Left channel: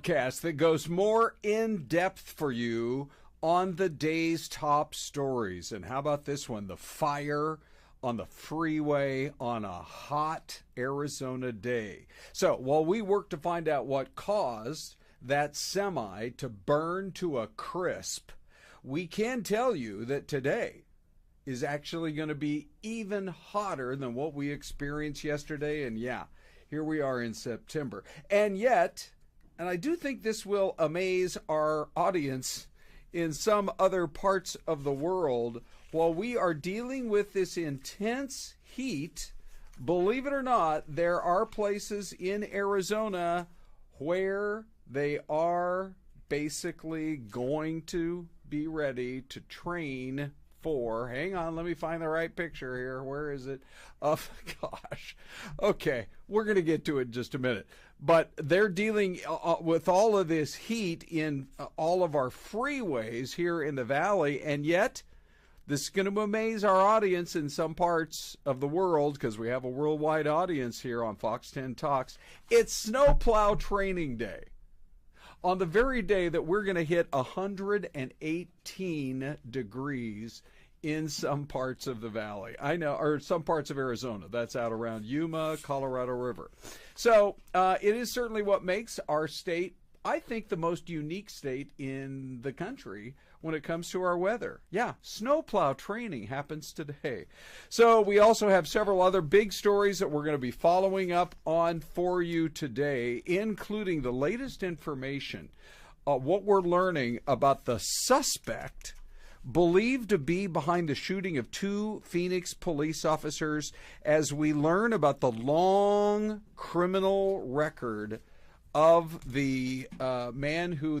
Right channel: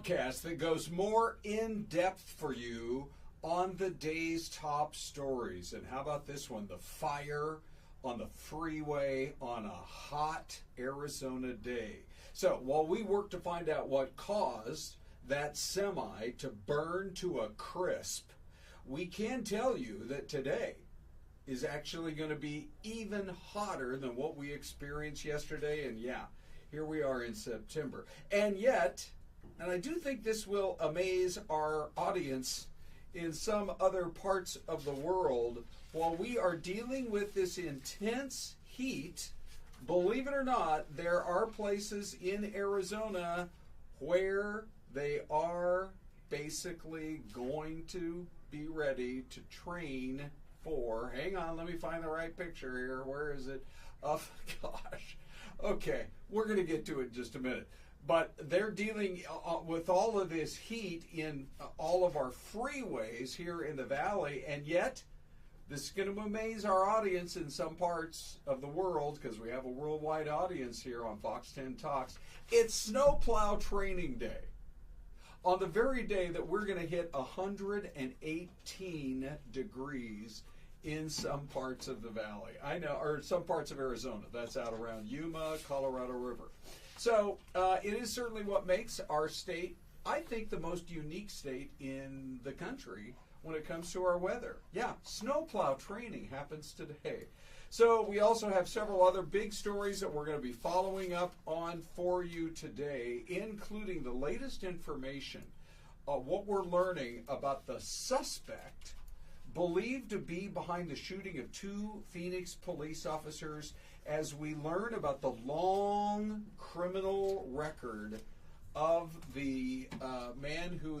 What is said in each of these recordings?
podcast that goes more in depth for you on the day's top stories. And how about this one? The fire on the freeway on a hot Arizona day. So while we work to find out what caused that semi to burn to a crisp, we can tell you that today is actually going to be even hotter than what we experienced yesterday. And yeah, here we are in September. And yet, and I do think this will amaze our audience in some other parts of the world, while we are dealing with this intense heat, believe it or not, there are places in Arizona where they are basically going to be ready to train for, hang on, let me find the right picture here. Where is it? Oh, gosh. Okay, we're going to get to it in just a minute. But they're dealing with all of this heat in all of our freeways here in the valley, and yet this is going to amaze our audience in some parts of the world, because we have a worldwide audience here on Fox 10 Talks. It's snowplow training day. On the very day that we're going to hit 118 degrees in some parts of the valley. I know, or some parts of Arizona. That's out around Yuma, Colorado River. So it is certainly what makes our state, I think, the most unique state in the country when it comes to our weather. Yeah, snowplow training happens today. So we also have several other big stories that we're going to be following up on for you today, including the latest information, what we're learning about the suspect believed to be behind the shooting of two Phoenix police officers, as we learn about the long criminal record of the man who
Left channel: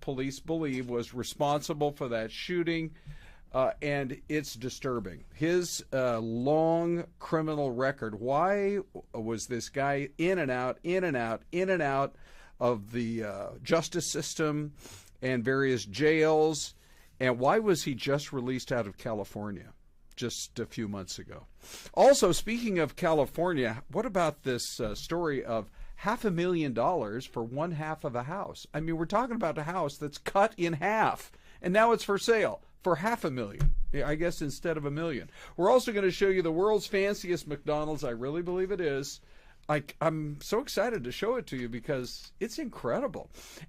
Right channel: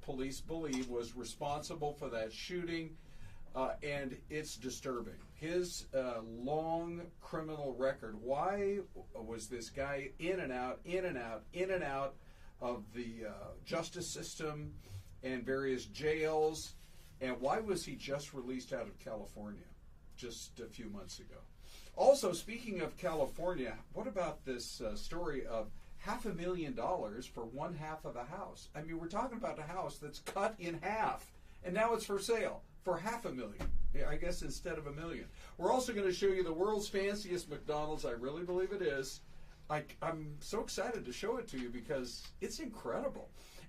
police believe was responsible for that shooting, and it's disturbing. His long criminal record. Why was this guy in and out of the justice system and various jails, and why was he just released out of California just a few months ago? Also, speaking of California, what about this story of $500,000 for one half of a house? I mean, we're talking about a house that's cut in half, and now it's for sale for $500,000. I guess instead of $1 million. We're also going to show you the world's fanciest McDonald's. I really believe it is. I'm so excited to show it to you because it's incredible.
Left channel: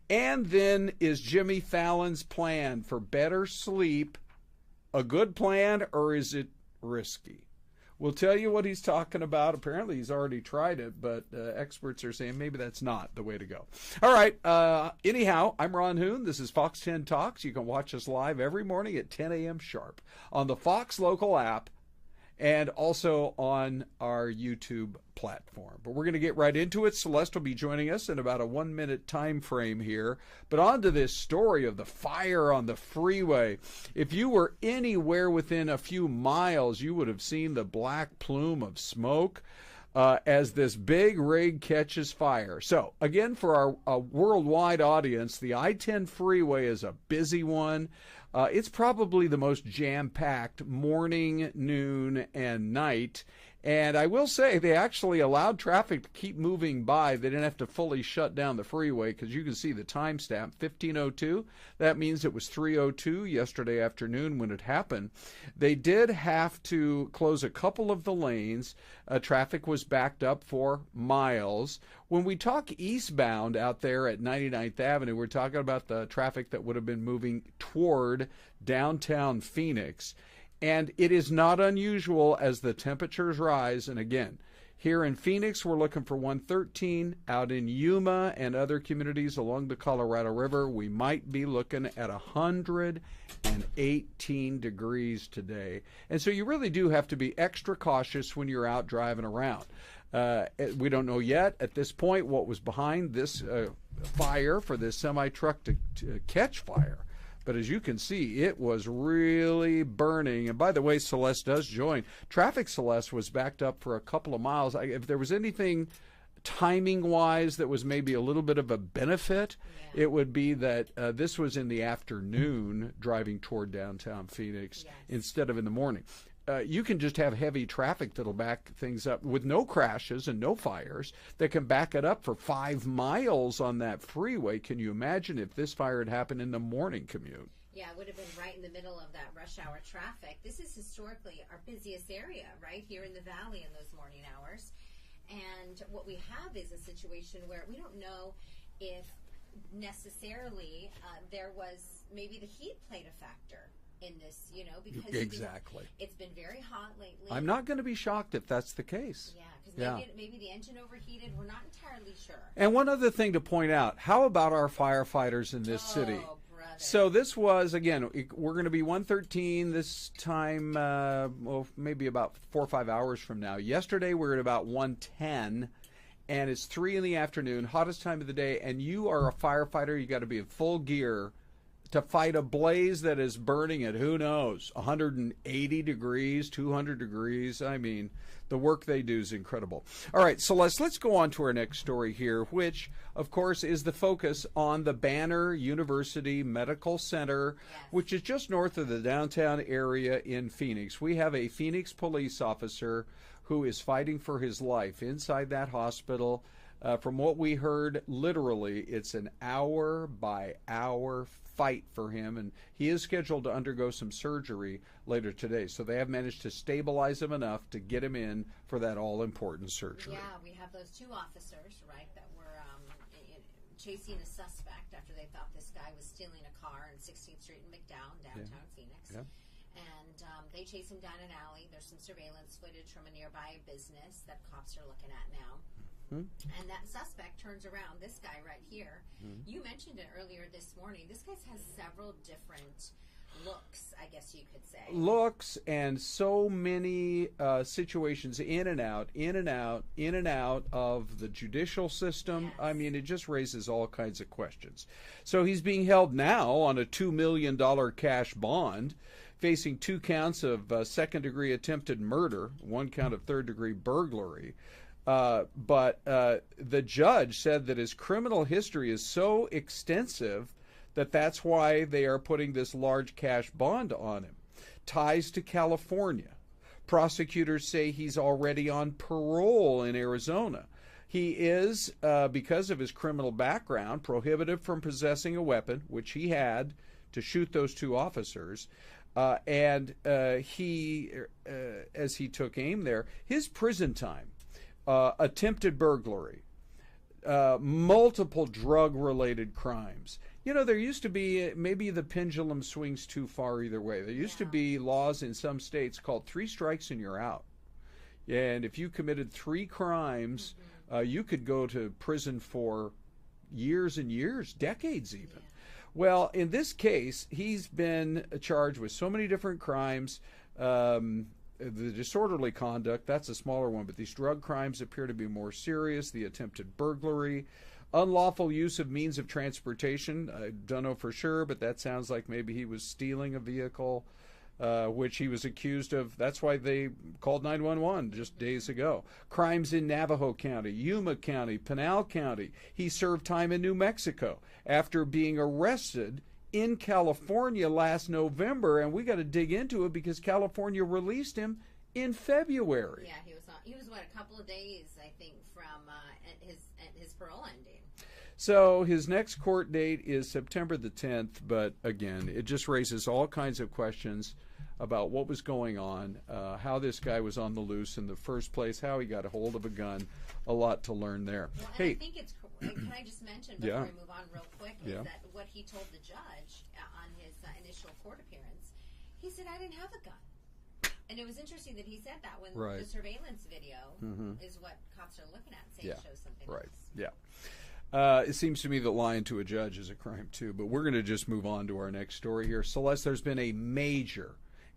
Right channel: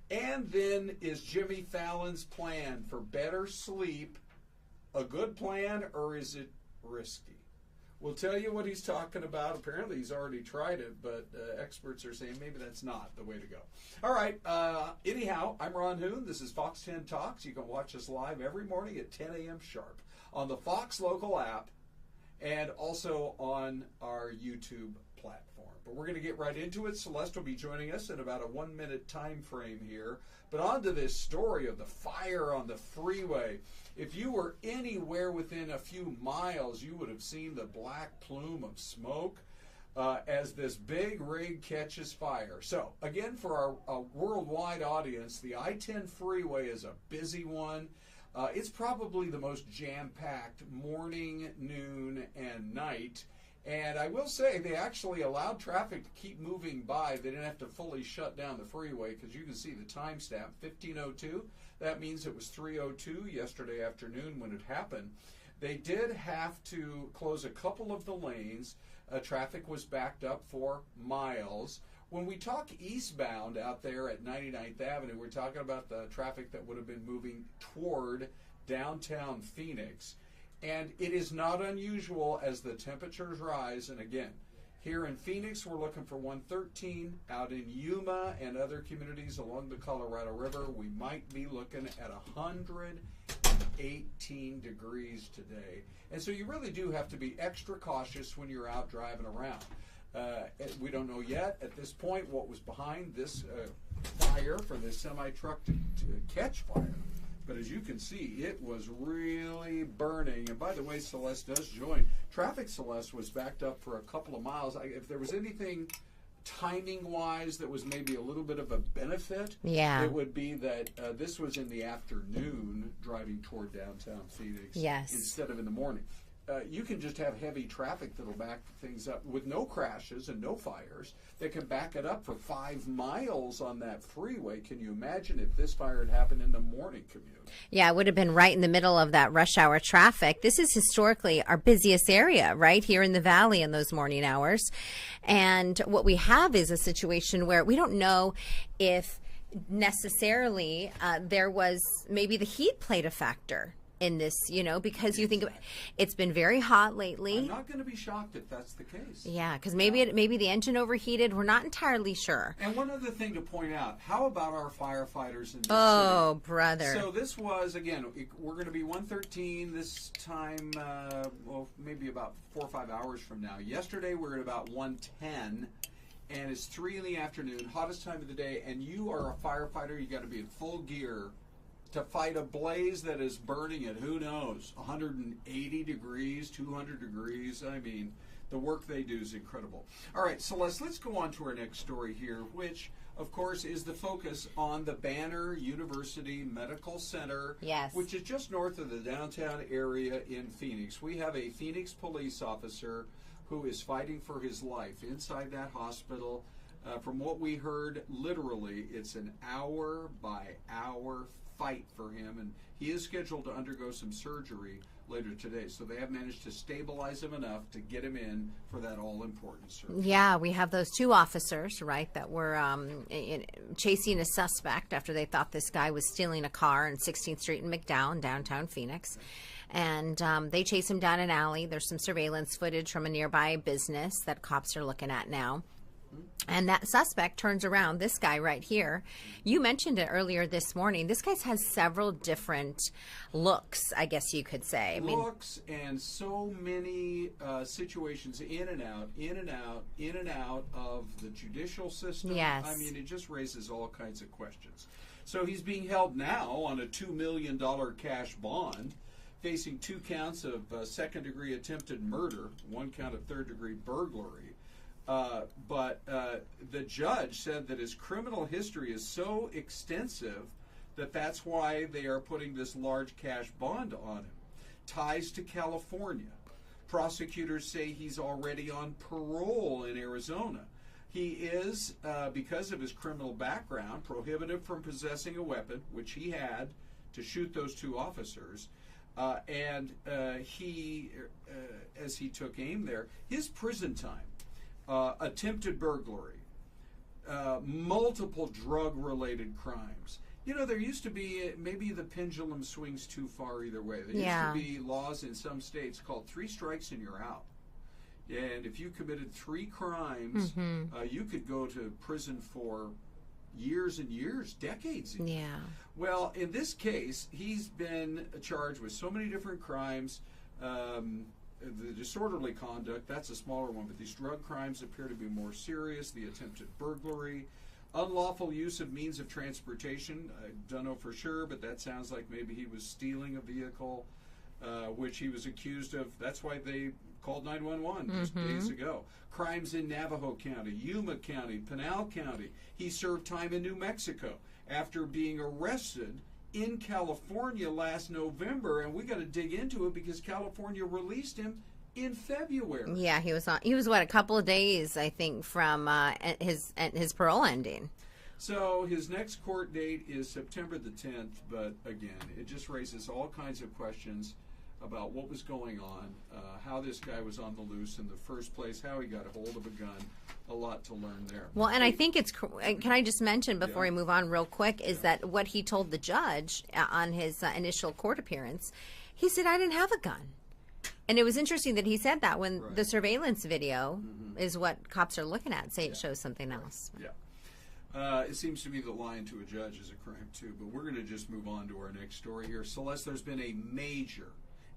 And then, is Jimmy Fallon's plan for better sleep a good plan, or is it risky? We'll tell you what he's talking about. Apparently, he's already tried it, but experts are saying maybe that's not the way to go. All right. Anyhow, I'm Ron Hoon. This is Fox 10 Talks. You can watch us live every morning at 10 a.m. sharp on the Fox local app and also on our YouTube platform. But we're going to get right into it. Celeste will be joining us in about a 1-minute time frame here. But on to this story of the fire on the freeway. If you were anywhere within a few miles, you would have seen the black plume of smoke as this big rig catches fire. So, again, for our worldwide audience, the I-10 freeway is a busy one. It's probably the most jam-packed morning, noon, and night. And I will say they actually allowed traffic to keep moving by. They didn't have to fully shut down the freeway, because you can see the timestamp, 15:02. That means it was 3:02 yesterday afternoon when it happened. They did have to close a couple of the lanes. Traffic was backed up for miles. When we talk eastbound out there at 99th Avenue, we're talking about the traffic that would have been moving toward downtown Phoenix. And it is not unusual as the temperatures rise. And again, here in Phoenix, we're looking for 113. Out in Yuma and other communities along the Colorado River, we might be looking at 118 degrees today. And so you really do have to be extra cautious when you're out driving around. We don't know yet at this point what was behind this fire for this semi-truck to catch fire. But as you can see, it was really burning. And by the way, Celeste does join. Traffic, Celeste, was backed up for a couple of miles. If there was anything timing-wise that was maybe a little bit of a benefit, it would be that this was in the afternoon driving toward downtown Phoenix instead of in the morning. you can just have heavy traffic that'll back things up with no crashes and no fires that can back it up for 5 miles on that freeway. Can you imagine if this fire had happened in the morning commute? Yeah, it would have been right in the middle of that rush hour traffic. This is historically our busiest area, right here in the valley in those morning hours. And what we have is a situation where we don't know if necessarily there was maybe the heat played a factor in this, you know, because you think it's been very hot lately. I'm not going to be shocked if that's the case. Yeah, because maybe the engine overheated. We're not entirely sure. And one other thing to point out, how about our firefighters in this city? Oh, brother. So this was, again, we're going to be 113 this time, well, maybe about 4 or 5 hours from now. Yesterday we were at about 110. And it's 3 in the afternoon, hottest time of the day, and you are a firefighter. You got to be in full gear to fight a blaze that is burning at, who knows, 180 degrees, 200 degrees. I mean, the work they do is incredible. All right, Celeste, let's go on to our next story here, which, of course, is the focus on the Banner University Medical Center, which is just north of the downtown area in Phoenix. We have a Phoenix police officer who is fighting for his life inside that hospital. From what we heard, literally, it's an hour-by-hour fight for him, and he is scheduled to undergo some surgery later today. So they have managed to stabilize him enough to get him in for that all-important surgery. Yeah, we have those 2 officers, right, that were chasing a suspect after they thought this guy was stealing a car on 16th Street in McDonald, downtown Phoenix. Okay. And they chase him down an alley. There's some surveillance footage from a nearby business that cops are looking at now. And that suspect turns around, this guy right here. You mentioned it earlier this morning. This guy has several different looks, I guess you could say. Looks and so many situations in and out, in and out, in and out of the judicial system. Yes. I mean, it just raises all kinds of questions. So he's being held now on a $2 million cash bond, facing 2 counts of second-degree attempted murder, 1 count of third-degree burglary. But the judge said that his criminal history is so extensive that that's why they are putting this large cash bond on him. Ties to California. Prosecutors say he's already on parole in Arizona. He is, because of his criminal background, prohibited from possessing a weapon, which he had to shoot those 2 officers. And he, as he took aim there, his prison time, attempted burglary, multiple drug-related crimes. You know, there used to be, maybe the pendulum swings too far either way. There used to be laws in some states called 3 strikes and you're out. And if you committed 3 crimes, you could go to prison for years and years, decades even. Yeah. Well, in this case, he's been charged with so many different crimes. The disorderly conduct, that's a smaller one, but these drug crimes appear to be more serious. The attempted burglary, unlawful use of means of transportation. I don't know for sure, but that sounds like maybe he was stealing a vehicle, which he was accused of. That's why they called 911 just days ago. Crimes in Navajo County, Yuma County, Pinal County. He served time in New Mexico after being arrested in California last November, and we got to dig into it because California released him in February. Yeah, he was what, a couple of days, I think, from his parole ending. So his next court date is September the 10th, but again, it just raises all kinds of questions about what was going on, how this guy was on the loose in the first place, how he got a hold of a gun. A lot to learn there. Well, and I think it's, can I just mention before we move on real quick, is that what he told the judge on his initial court appearance, he said, I didn't have a gun. And it was interesting that he said that when the surveillance video is what cops are looking at, say it shows something else. Yeah. It seems to me that lying to a judge is a crime too, but we're going to just move on to our next story here. Celeste, there's been a major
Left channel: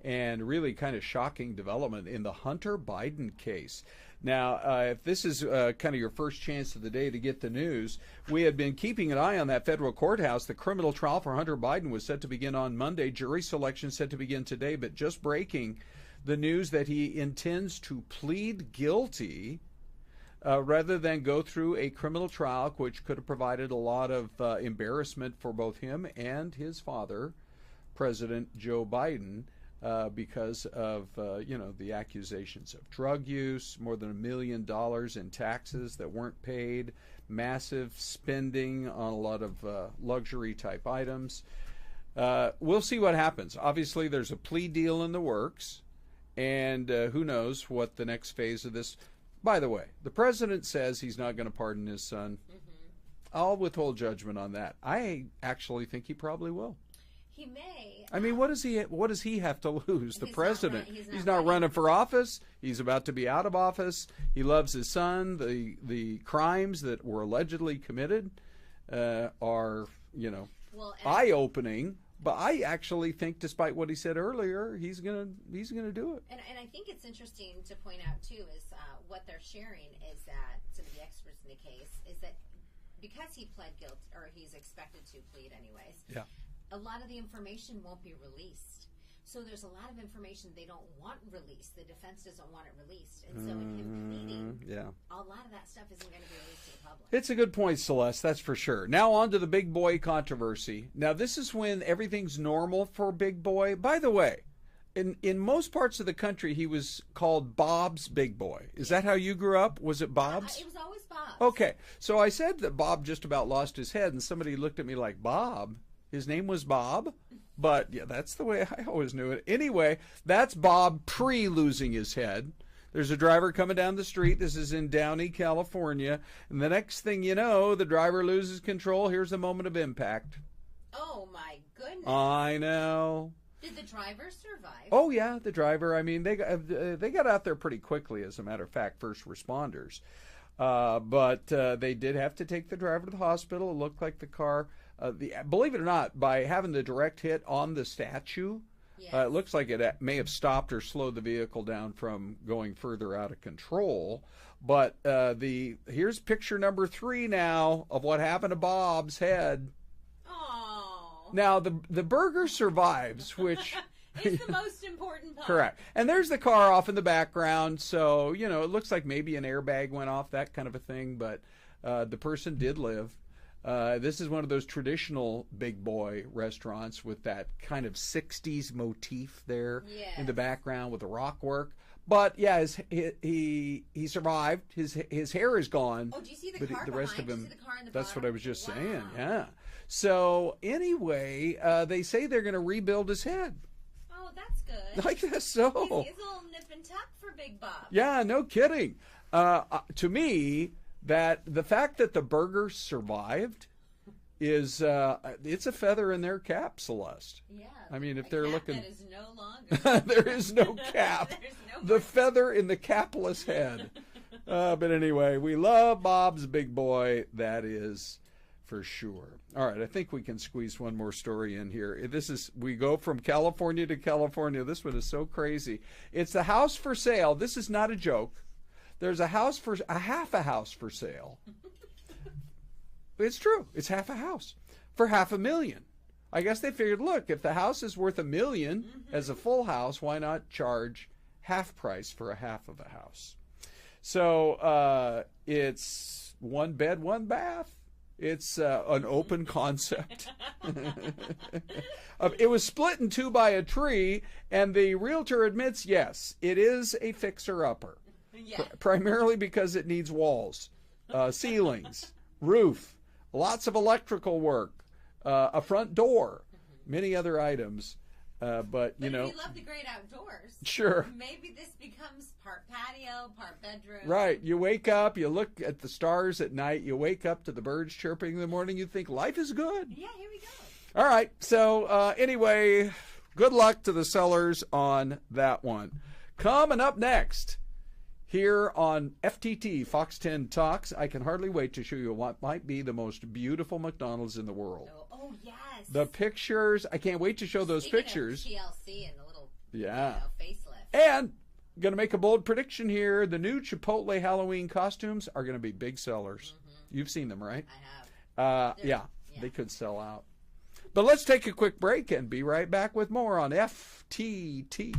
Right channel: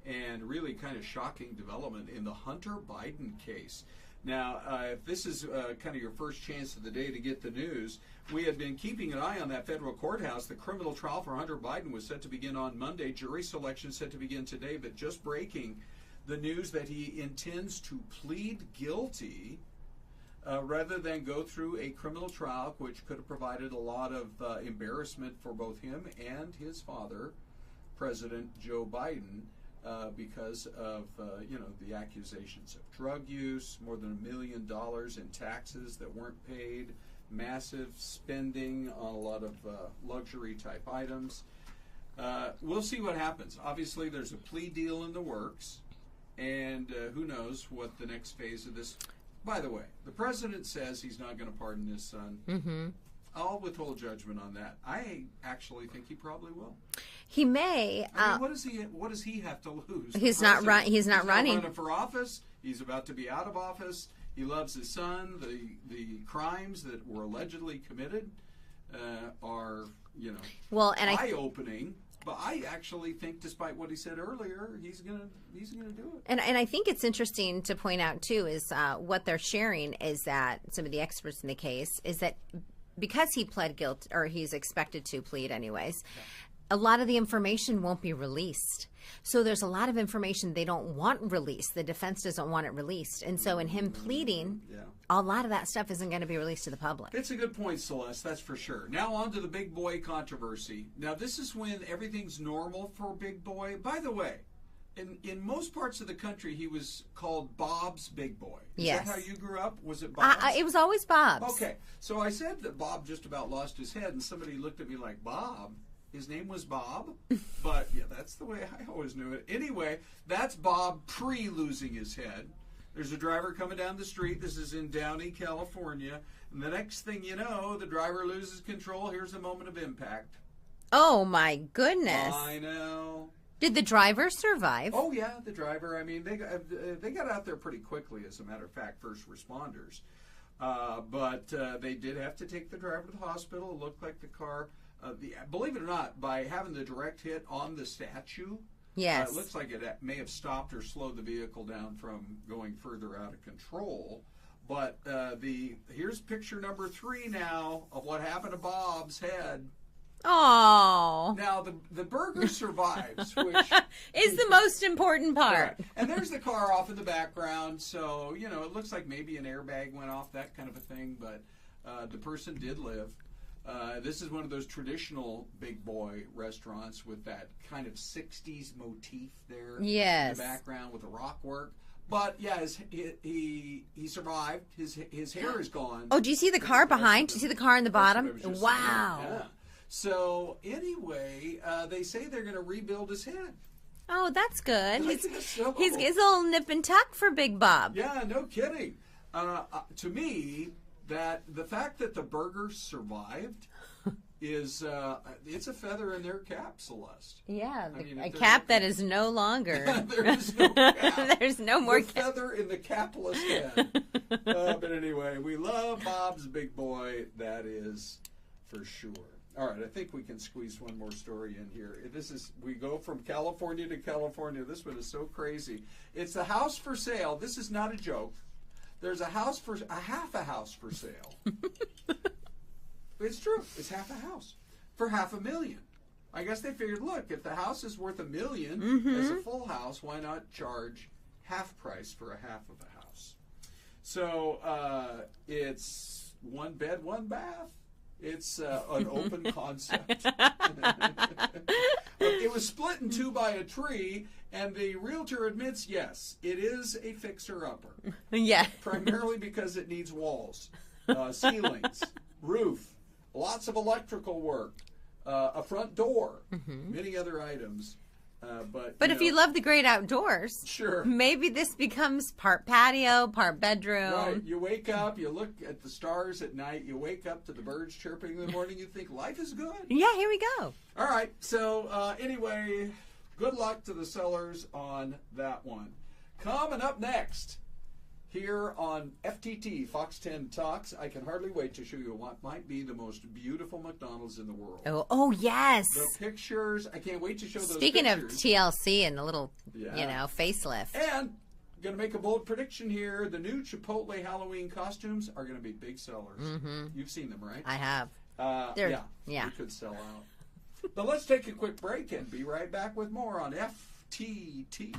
and really kind of shocking development in the Hunter Biden case. Now, if this is kind of your first chance of the day to get the news, we have been keeping an eye on that federal courthouse. The criminal trial for Hunter Biden was set to begin on Monday. Jury selection set to begin today, but just breaking the news that he intends to plead guilty rather than go through a criminal trial, which could have provided a lot of embarrassment for both him and his father, President Joe Biden. because of the accusations of drug use, more than $1 million in taxes that weren't paid, massive spending on a lot of luxury type items. We'll see what happens. Obviously, there's a plea deal in the works, and who knows what the next phase of this. By the way, the president says he's not going to pardon his son. Mm-hmm. I'll withhold judgment on that. I actually think he probably will. He may. I mean, what does he have to lose? He's not running. He's not running for office. He's about to be out of office. He loves his son. The crimes that were allegedly committed are eye-opening. But I actually think, despite what he said earlier, he's gonna do it. And I think it's interesting to point out too is what they're sharing is that some of the experts in the case is that because he pled guilty, or he's expected to plead anyways. Yeah. A lot of the information won't be released. So there's a lot of information they don't want released. The defense doesn't want it released. And so in him pleading, a lot of that stuff isn't going to be released to the public. It's a good point, Celeste, that's for sure. Now on to the Big Boy controversy. Now this is when everything's normal for Big Boy. By the way, in most parts of the country, he was called Bob's Big Boy. Is that how you grew up? Was it Bob's? It was always Bob's. Okay. So I said that Bob just about lost his head, and somebody looked at me like, Bob? His name was Bob, but yeah, that's the way I always knew it. Anyway, that's Bob pre-losing his head. There's a driver coming down the street. This is in Downey, California. And the next thing you know, the driver loses control. Here's the moment of impact. Oh, my goodness. I know. Did the driver survive? Oh, yeah, the driver. I mean, they got out there pretty quickly, as a matter of fact, first responders. But they did have to take the driver to the hospital. It looked like the car... believe it or not, by having the direct hit on the statue, it looks like it may have stopped or slowed the vehicle down from going further out of control. But here's picture number 3 now of what happened to Bob's head. Oh. Now the burger survives, which is the most important part. Correct. And there's the car off in the background, so it looks like maybe an airbag went off, that kind of a thing. But the person did live. This is one of those traditional Big Boy restaurants with that kind of 60s motif there in the background with the rock work. But yeah, he survived. His hair is gone. Oh, do you see the car behind? Do you see the car in the bottom? That's what I was just saying. Yeah. So anyway, they say they're going to rebuild his head. Oh, that's good. I guess so. He's a little nip and tuck for Big Bob. Yeah, no kidding. To me, that the fact that the burger survived is it's a feather in their cap, Celeste. Yeah, I mean, a cap that is no longer. There is no cap. There's no more feather in the capless head. But anyway, we love Bob's Big Boy. That is for sure. All right, I think we can squeeze one more story in here. We go from California to California. This one is so crazy. It's the house for sale. This is not a joke. There's half a house for sale. It's true. It's half a house for $500,000. I guess they figured, look, if the house is worth $1 million as a full house, why not charge half price for a half of a house? So it's 1 bed, 1 bath. It's an open concept. It was split in 2 by a tree, and the realtor admits, yes, it is a fixer-upper. Yeah. Primarily because it needs walls, ceilings, roof, lots of electrical work, a front door, many other items. But if you love the great outdoors, sure, maybe this becomes part patio, part bedroom. Right. You wake up, you look at the stars at night, you wake up to the birds chirping in the morning, you think life is good. Yeah, here we go. All right. So anyway, good luck to the sellers on that one. Coming up next, here on FTT, Fox 10 Talks, I can hardly wait to show you what might be the most beautiful McDonald's in the world. Oh yes. The pictures, I can't wait to show those pictures. Speaking of TLC and the little, facelift. And going to make a bold prediction here. The new Chipotle Halloween costumes are going to be big sellers. You've seen them, right? I have. Yeah, they could sell out. But let's take a quick break and be right back with more on FTT.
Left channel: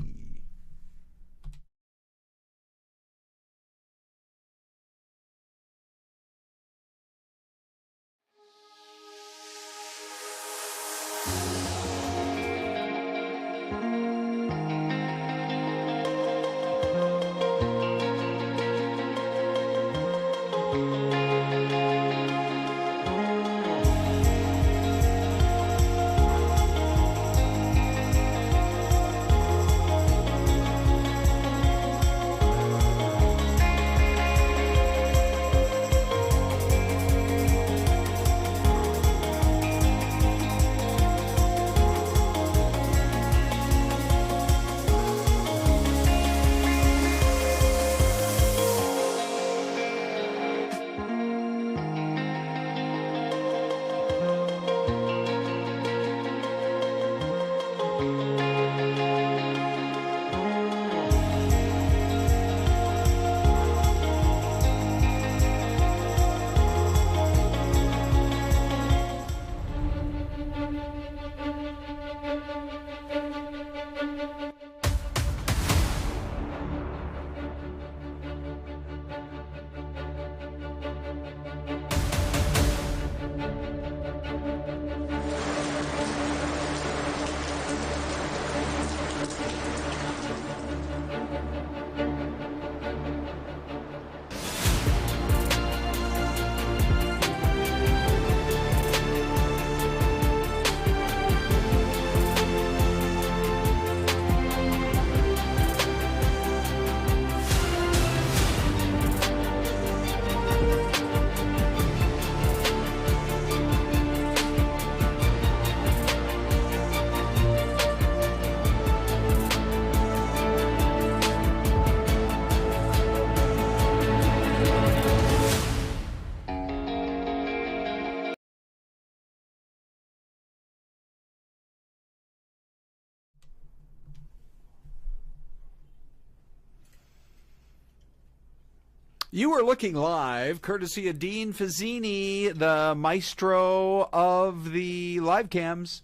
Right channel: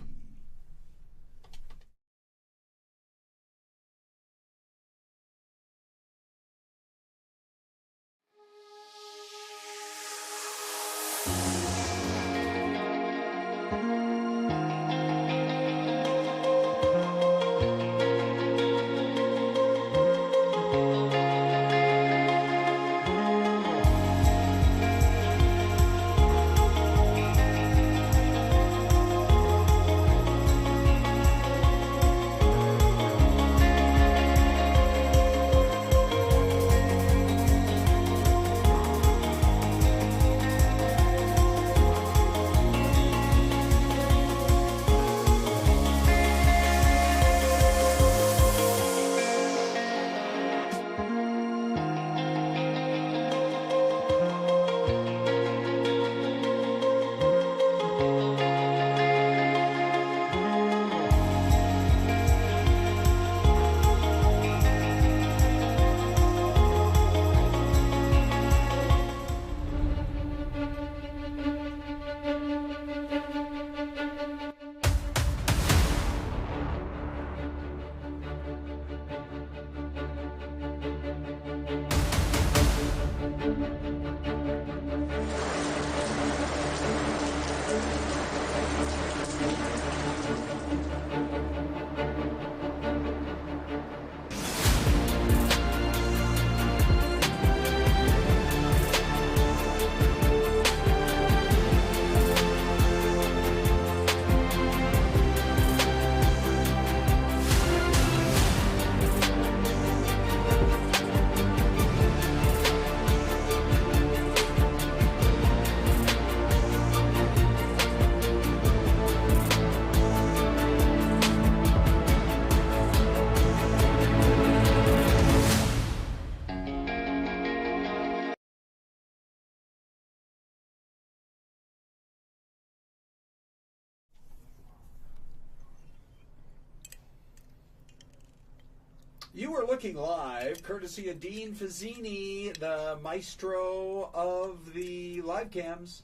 You are looking live, courtesy of Dean Fazzini, the maestro of the live cams.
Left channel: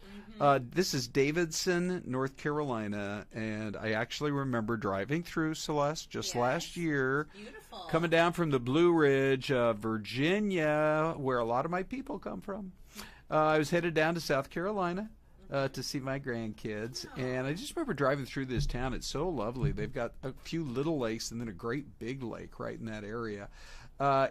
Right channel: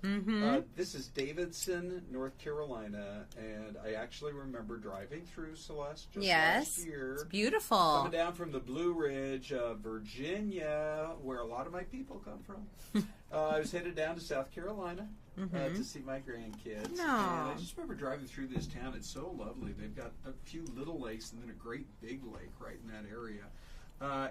This is Davidson, North Carolina, and I actually remember driving through Celeste just last year. It's beautiful. Coming down from the Blue Ridge of Virginia, where a lot of my people come from. I was headed down to South Carolina. To see my grandkids. And I just remember driving through this town. It's so lovely. They've got a few little lakes and then a great big lake right in that area.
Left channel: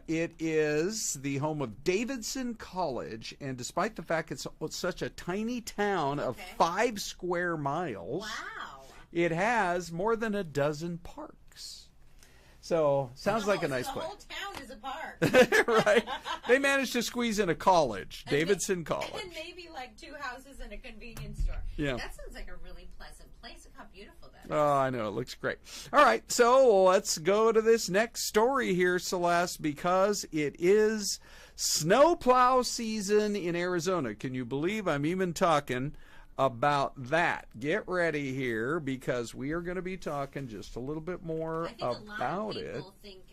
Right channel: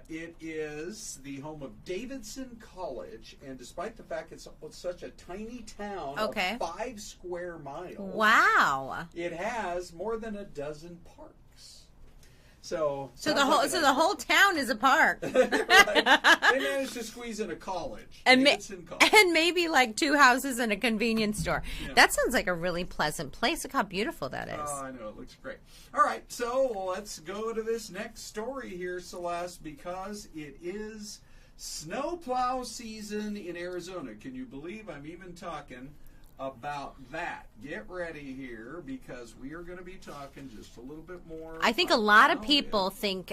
It is the home of Davidson College, and despite the fact it's such a tiny town of 5 square miles, wow, it has more than a dozen parks. So the whole town is a park. Right. They managed to squeeze in a college, Davidson College. And maybe like 2 houses and a convenience store. Yeah. That sounds like a really pleasant place. Look how beautiful that is. Oh, I know. It looks great. All right, so let's go to this next story here, Celeste, because it is snowplow season in Arizona. Can you believe I'm even talking about that? Get ready here, because we are going to be talking just a little bit more. I think a lot of people think,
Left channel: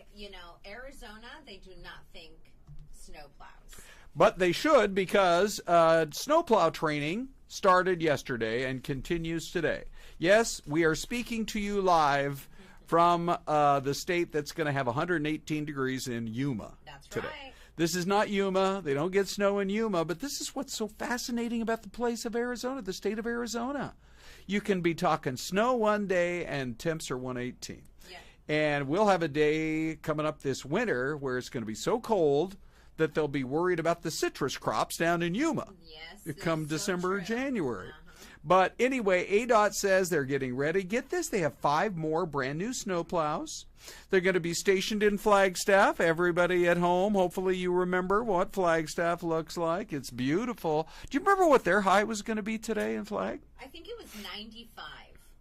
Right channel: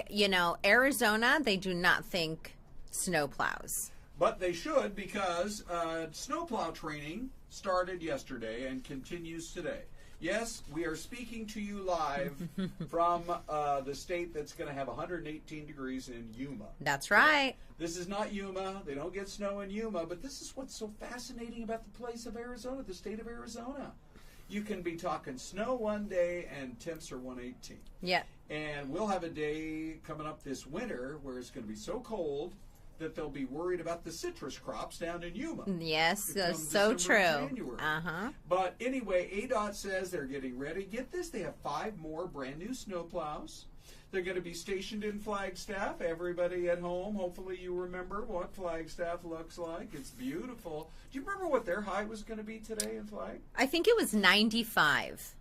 Arizona, they do not think snowplows. But they should, because snowplow training started yesterday and continues today. Yes, we are speaking to you live from the state that's going to have 118 degrees in Yuma. That's right. This is not Yuma. They don't get snow in Yuma, but this is what's so fascinating about the place of Arizona, the state of Arizona. You can be talking snow one day and temps are 118. Yeah. And we'll have a day coming up this winter where it's going to be so cold that they'll be worried about the citrus crops down in Yuma. Yes, come so December and January. But anyway, ADOT says they're getting ready. Get this, they have 5 more brand new snowplows. They're going to be stationed in Flagstaff. Everybody at home, hopefully you remember what Flagstaff looks like. It's beautiful. Do you remember what their high was going to be today in Flag? I think it was 95.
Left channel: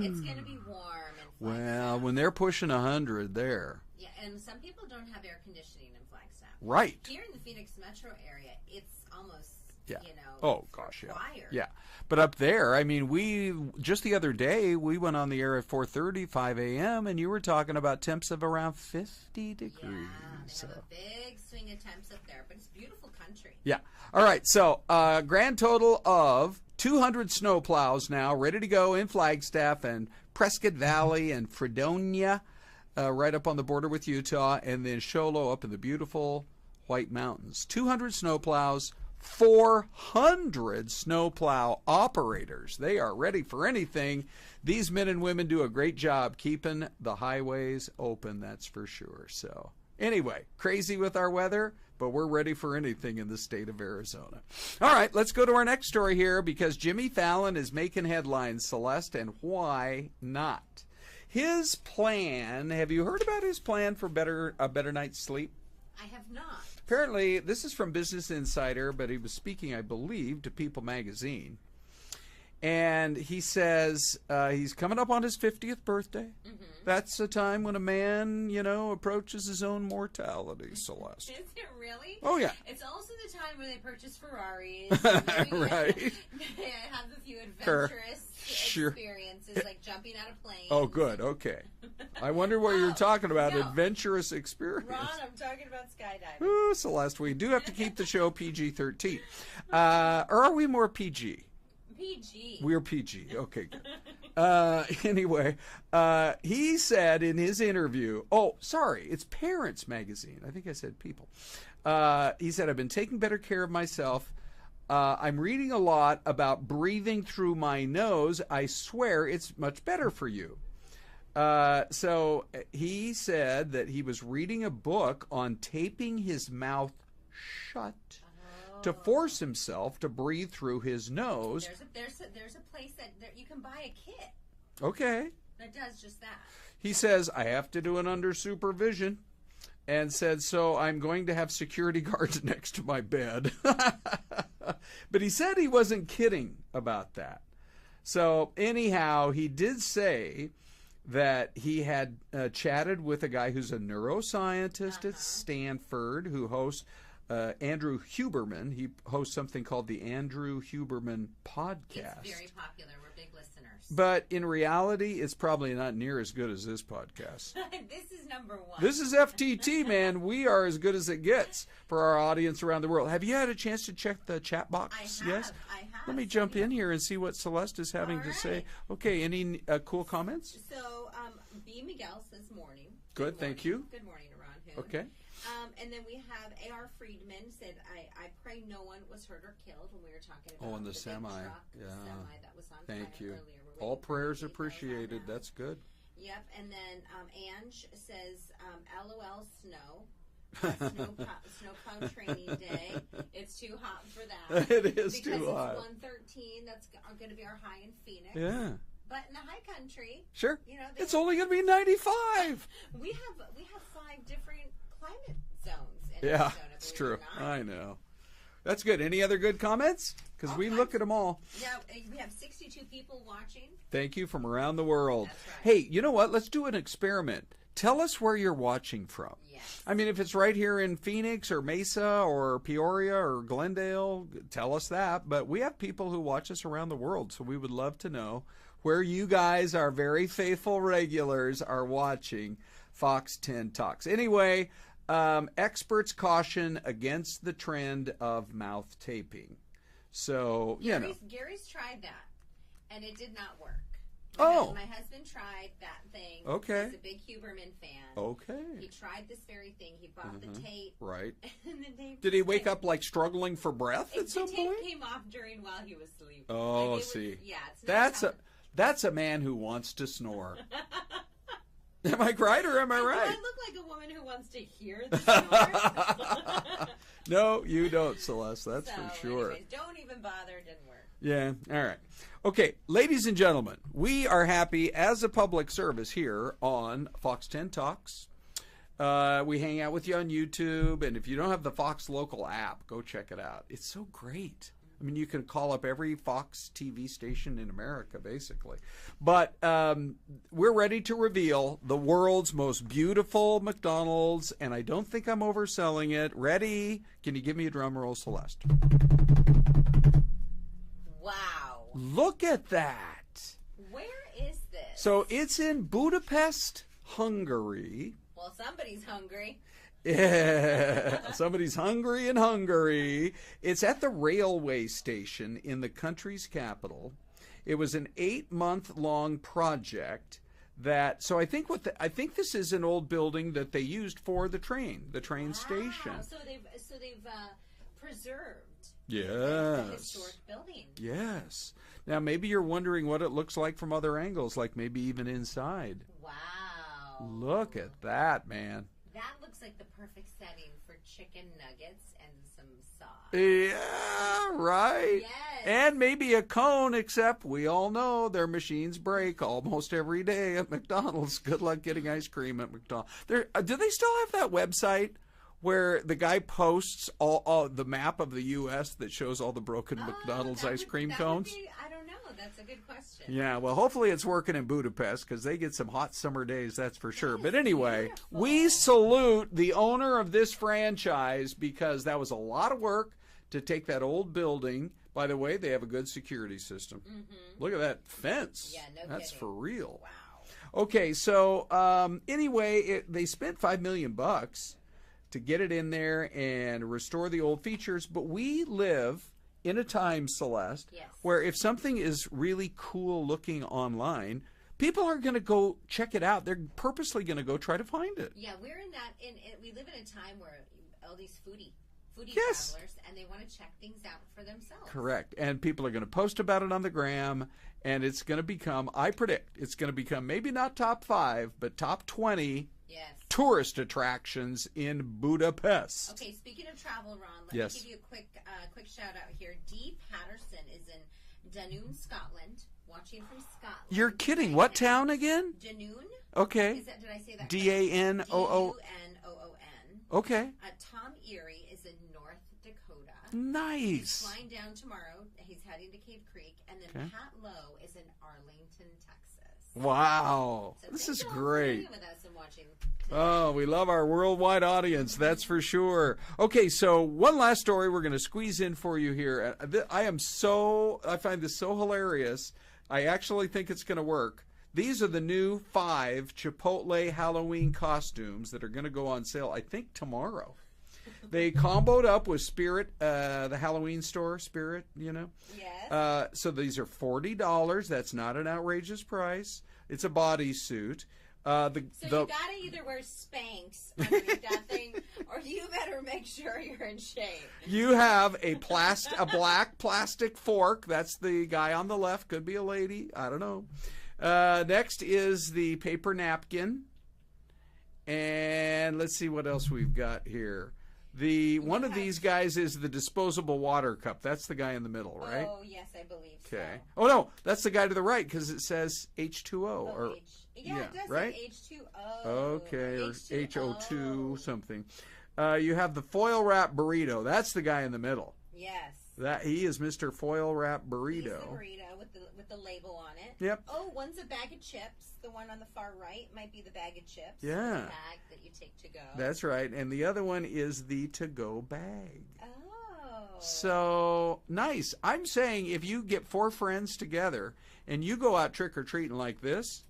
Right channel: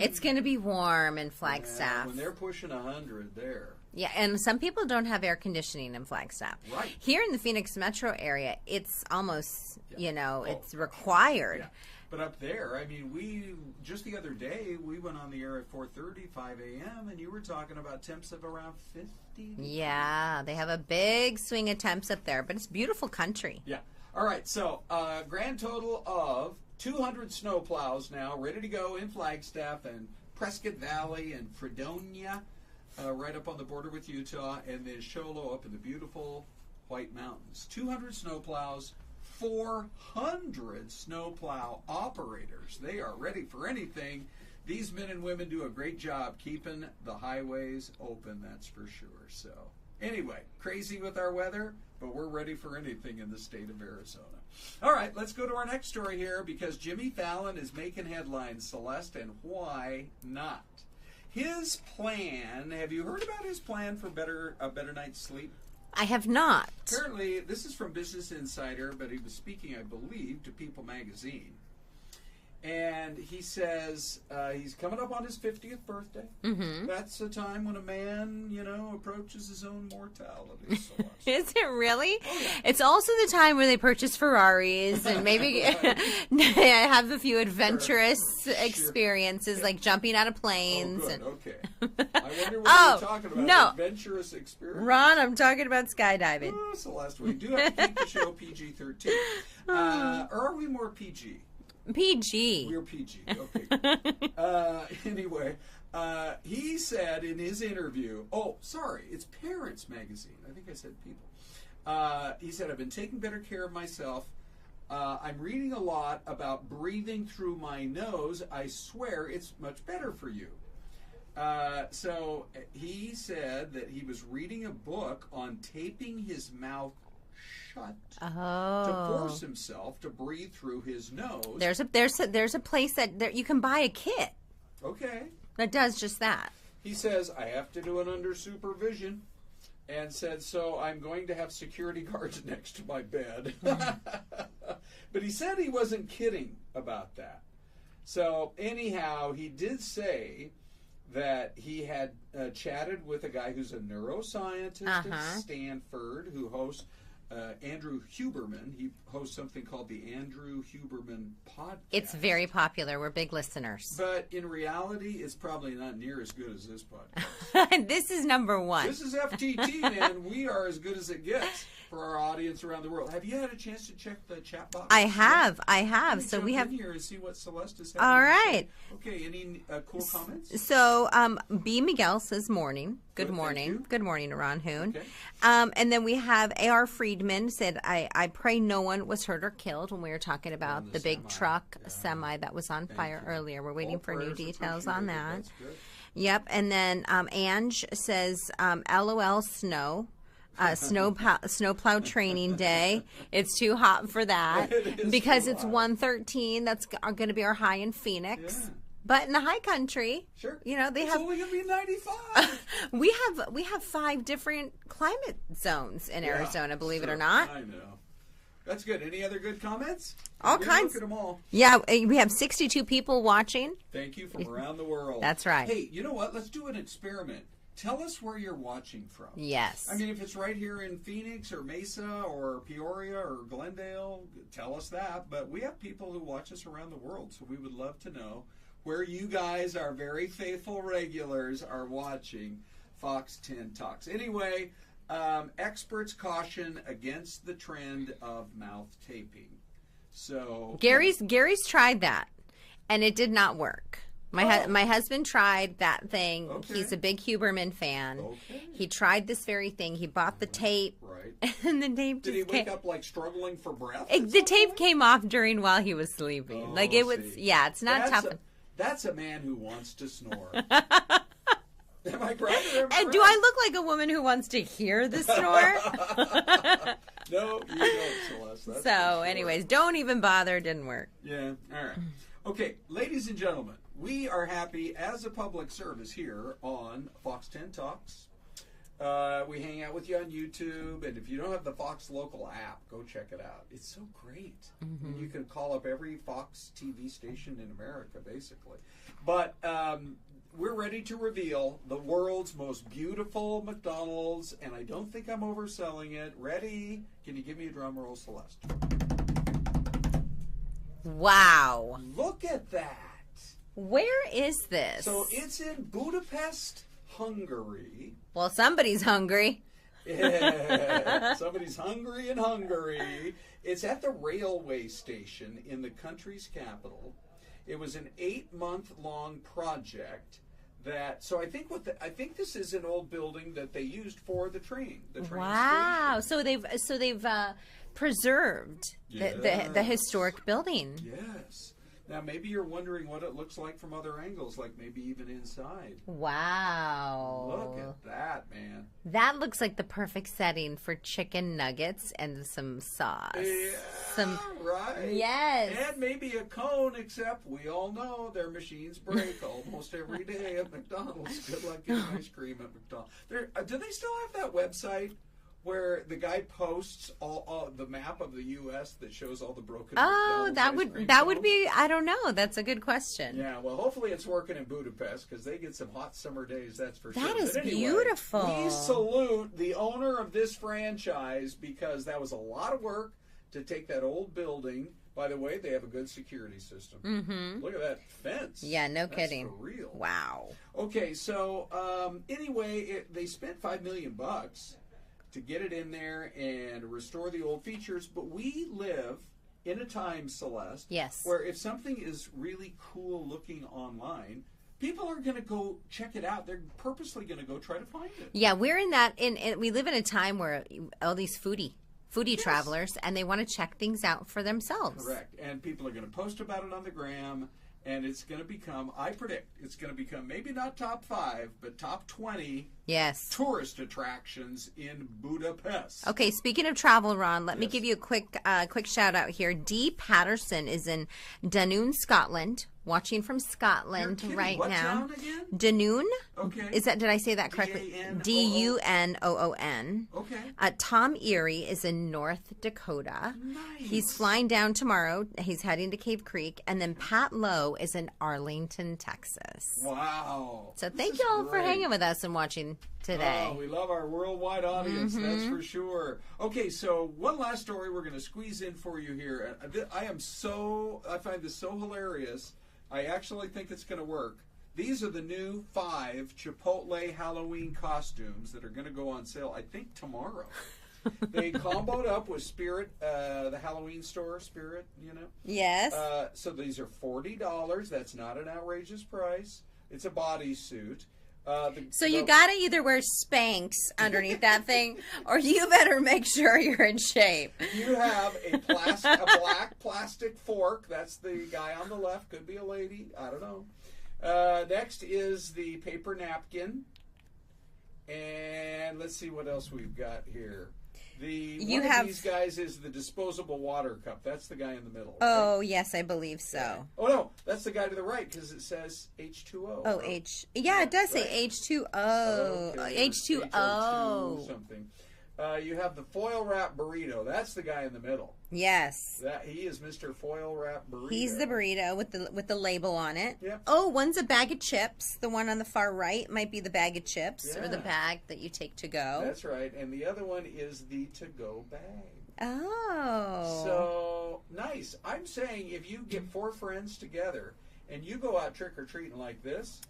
It's going to be warm in Flagstaff. Yeah, when they're pushing 100 there. Yeah, and some people don't have air conditioning in Flagstaff. Right. Here in the Phoenix metro area, it's almost, it's required. Yeah. But up there, I mean, just the other day, we went on the air at 4:30, 5 a.m., and you were talking about temps of around 50 degrees. Yeah, they have a big swing of temps up there, but it's beautiful country. Yeah. All right, so grand total of 200 snowplows now ready to go in Flagstaff and Prescott Valley and Fredonia, right up on the border with Utah, and then Show Low up in the beautiful White Mountains. 200 snowplows, 400 snowplow operators. They are ready for anything. These men and women do a great job keeping the highways open, that's for sure. So anyway, crazy with our weather, but we're ready for anything in the state of Arizona. All right, let's go to our next story here, because Jimmy Fallon is making headlines, Celeste, and why not? His plan, have you heard about his plan for a better night's sleep? I have not. Apparently, this is from Business Insider, but he was speaking, I believe, to People magazine. And he says he's coming up on his 50th birthday. Mm-hmm. That's a time when a man, approaches his own mortality, Celeste. Is it really? Oh, yeah. It's also the time where they purchase Ferraris and maybe have a few adventurous experiences, like jumping out of planes. Oh, good. Okay. I wonder what you were talking about. No. Adventurous experience. Ron, I'm talking about skydiving. Ooh, Celeste, we do have to keep the show PG-13. Or are we more PG? PG. We're PG. Okay. Anyway, he said in his interview, it's Parents Magazine. I think I said People. He said, I've been taking better care of myself. I'm reading a lot about breathing through my nose. I swear it's much better for you. So he said that he was reading a book on taping his mouth shut to force himself to breathe through his nose. There's a place that you can buy a kit. Okay. That does just that. He says, I have to do it under supervision, and said, so I'm going to have security guards next to my bed. But he said he wasn't kidding about that. So anyhow, he did say that he had chatted with a guy who's a neuroscientist at Stanford who hosts Andrew Huberman. He hosts something called the Andrew Huberman Podcast. It's very popular. We're big listeners. But in reality, it's probably not near as good as this podcast. This is number one. This is FTT, man. We are as good as it gets for our audience around the world. Have you had a chance to check the chat box? I have. I have. Let me jump in here and see what Celeste is having All to right. say. Okay, any cool comments? So, B. Miguel says morning. Good morning. Thank you. Good morning, Ron Hoon. Okay. And then we have A.R. Friedman said, I pray no one was hurt or killed when we were talking about the big semi. truck Yeah. semi that was on fire you. earlier. We're waiting All for new prayers details on appreciated. that. That's good. Yep. And then Ange says, LOL snow. Snowplow training day. It's too hot for that. It is because too it's hot. 113. That's going to be our high in Phoenix. Yeah. But in the high country, Sure. you know, It's only going to be 95. we have 5 different climate zones in Yeah, Arizona, it's believe it true. or not. I know. That's good. Any other good comments? 'Cause All we kinds. look at them all. Yeah, we have 62 people watching. Thank you from around the world. That's right. Hey, you know what? Let's do an experiment. Tell us where you're watching from. Yes. I mean, if it's right here in Phoenix or Mesa or Peoria or Glendale, tell us that. But we have people who watch us around the world, so we would love to know where you guys, our very faithful regulars, are watching Fox 10 Talks. Anyway, experts caution against the trend of mouth taping. So Gary's tried that, and it did not work. My husband tried that thing. Okay. He's a big Huberman fan. Okay. He tried this very thing. He bought the tape. Right. And the tape Did he wake up like struggling for breath? The tape came off during while he was sleeping. Oh, like it was, see. yeah, it's not tough. That's a man who wants to snore. Am I right or am I And right? do I look like a woman who wants to hear the snore? No, you don't, Celeste. That's for So, sure. anyways, don't even bother. Didn't work. Yeah, all right. Okay, ladies and gentlemen, we are happy as a public service here on Fox 10 Talks. We hang out with you on YouTube, and if you don't have the Fox local app, go check it out. It's so great. I mean, you can call up every Fox TV station in America, basically. But we're ready to reveal the world's most beautiful McDonald's, and I don't think I'm overselling it. Ready? Can you give me a drum roll, Celeste? Wow. Look at that. Where is this? So it's in Budapest, Hungary. Well, somebody's hungry. Yeah, somebody's hungry in Hungary. It's at the railway station in the country's capital. It was an 8-month-long project that. So I think I think this is an old building that they used for the train Wow. station. So they've preserved the Yes. historic building. Yes. Now maybe you're wondering what it looks like from other angles, like maybe even inside. Wow. Look at that, man. That looks like the perfect setting for chicken nuggets and some sauce. Yeah, right. Yes. And maybe a cone, except we all know their machines break almost every day at McDonald's. Good luck getting ice cream at McDonald's. Do they still have that website where the guy posts all the map of the U.S. that shows all the broken McDonald's ice cream that cones? would be, I don't know. That's a good question. Yeah, well, hopefully it's working in Budapest because they get some hot summer days, that's for sure. That is But anyway, beautiful. we salute the owner of this franchise because that was a lot of work to take that old building. By the way, they have a good security system. Mm-hmm. Look at that fence. Yeah, no That's kidding. for real. Wow. Okay, so anyway, they spent $5 million to get it in there and restore the old features. But we live in a time, Celeste, Yes. where if something is really cool looking online, people are going to go check it out. They're purposely going to go try to find it. Yeah, we're in that. We live in a time where all these foodie Yes. travelers, and they want to check things out for themselves. Correct. And people are going to post about it on the gram, and it's going to become, I predict, it's going to become maybe not top 5, but top 20 Yes. tourist attractions in Budapest. Okay, speaking of travel, Ron, let me Yes. give you a quick shout out here. Dee Patterson is in Dunoon, Scotland, watching from Scotland. You're kidding. right What now. town again? Dunoon. Okay. Did I say that correctly? D-A-N-O-O. Dunoon. Okay. Tom Erie is in North Dakota. Nice. He's flying down tomorrow. He's heading to Cave Creek. And then Pat Lowe is in Arlington, Texas. Wow. So This thank is you all for great. hanging with us and watching today. Oh, we love our worldwide audience, that's for sure. Okay, so one last story we're going to squeeze in for you here. I find this so hilarious. I actually think it's going to work. These are the new 5 Chipotle Halloween costumes that are going to go on sale, I think, tomorrow. They comboed up with Spirit, the Halloween store, Spirit, you know? Yes. So these are $40. That's not an outrageous price. It's a bodysuit. You gotta either wear Spanx underneath that thing, or you better make sure you're in shape. You have a black plastic fork. That's the guy on the left. Could be a lady. I don't know. Next is the paper napkin. And let's see what else we've got here. One of these guys is the disposable water cup. That's the guy in the middle, right? Oh, yes, I believe so. Oh, no, that's the guy to the right because it says H2O. Oh, it does say H2O. Okay, H2O. H02 something. You have the foil wrap burrito. That's the guy in the middle. Yes. He is Mr. Foil Wrap Burrito. He's the burrito with the label on it. Yep. Oh, one's a bag of chips. The one on the far right might be the bag of chips or the bag that you take to go. That's right. And the other one is the to-go bag. Oh. So, nice. I'm saying if you get 4 friends together and you go out trick-or-treating like this,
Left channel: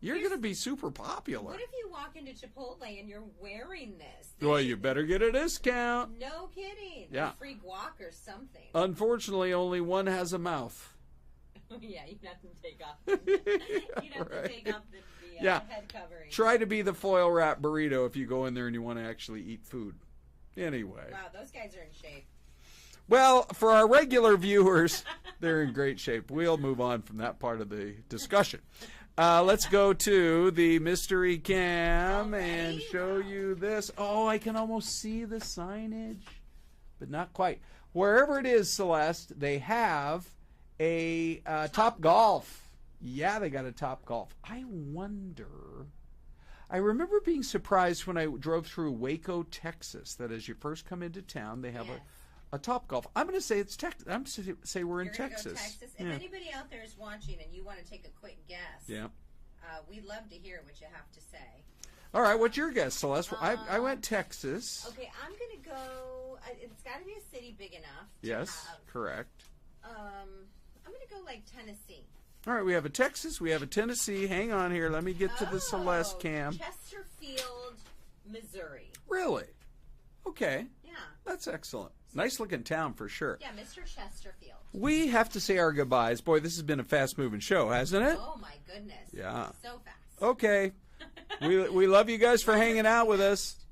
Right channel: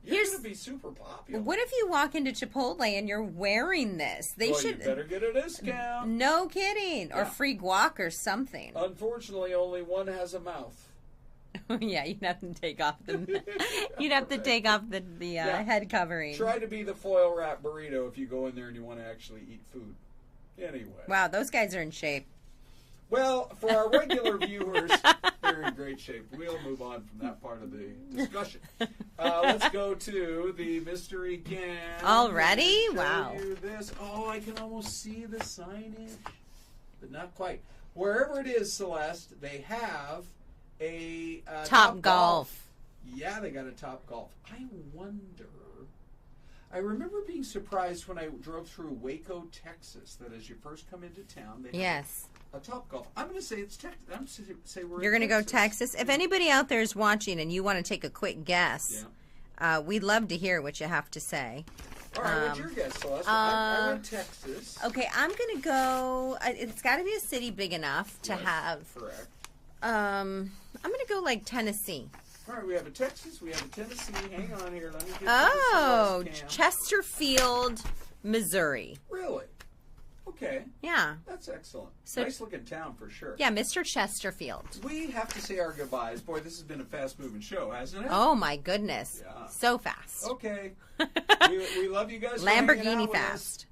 you're going to be super popular. What if you walk into Chipotle and you're wearing this? You better get a discount. No kidding. Yeah. Or free guac or something. Unfortunately, only one has a mouth. Yeah, you'd have to take off the head covering. Try to be the foil wrap burrito if you go in there and you want to actually eat food. Anyway. Wow, those guys are in shape. Well, for our regular viewers, they're in great shape. We'll move on from that part of the discussion. Let's go to the mystery cam. Already? Show you this. Oh, I can almost see the signage, but not quite. Wherever it is, Celeste, they have a Top Golf. Yeah, they got a Top Golf. I wonder. I remember being surprised when I drove through Waco, Texas, that as you first come into town, they have a Top Golf. I'm going to say it's Texas. I'm going to say we're in Texas. You're going to go Texas? If anybody out there is watching and you want to take a quick guess, we'd love to hear what you have to say. All right, what's your guess, Celeste? I went Texas. Okay, I'm going to go, it's got to be a city big enough to have. Correct. I'm going to go like Tennessee. All right, we have a Texas, we have a Tennessee. Hang on here, let me get to the Celeste cam. Chesterfield, Missouri. Really? Okay. Yeah. That's excellent. Nice looking town for sure. Yeah, Mr. Chesterfield. We have to say our goodbyes. Boy, this has been a fast-moving show, hasn't it? Oh, my goodness. Yeah. So fast. Okay. we love you guys for hanging out with us.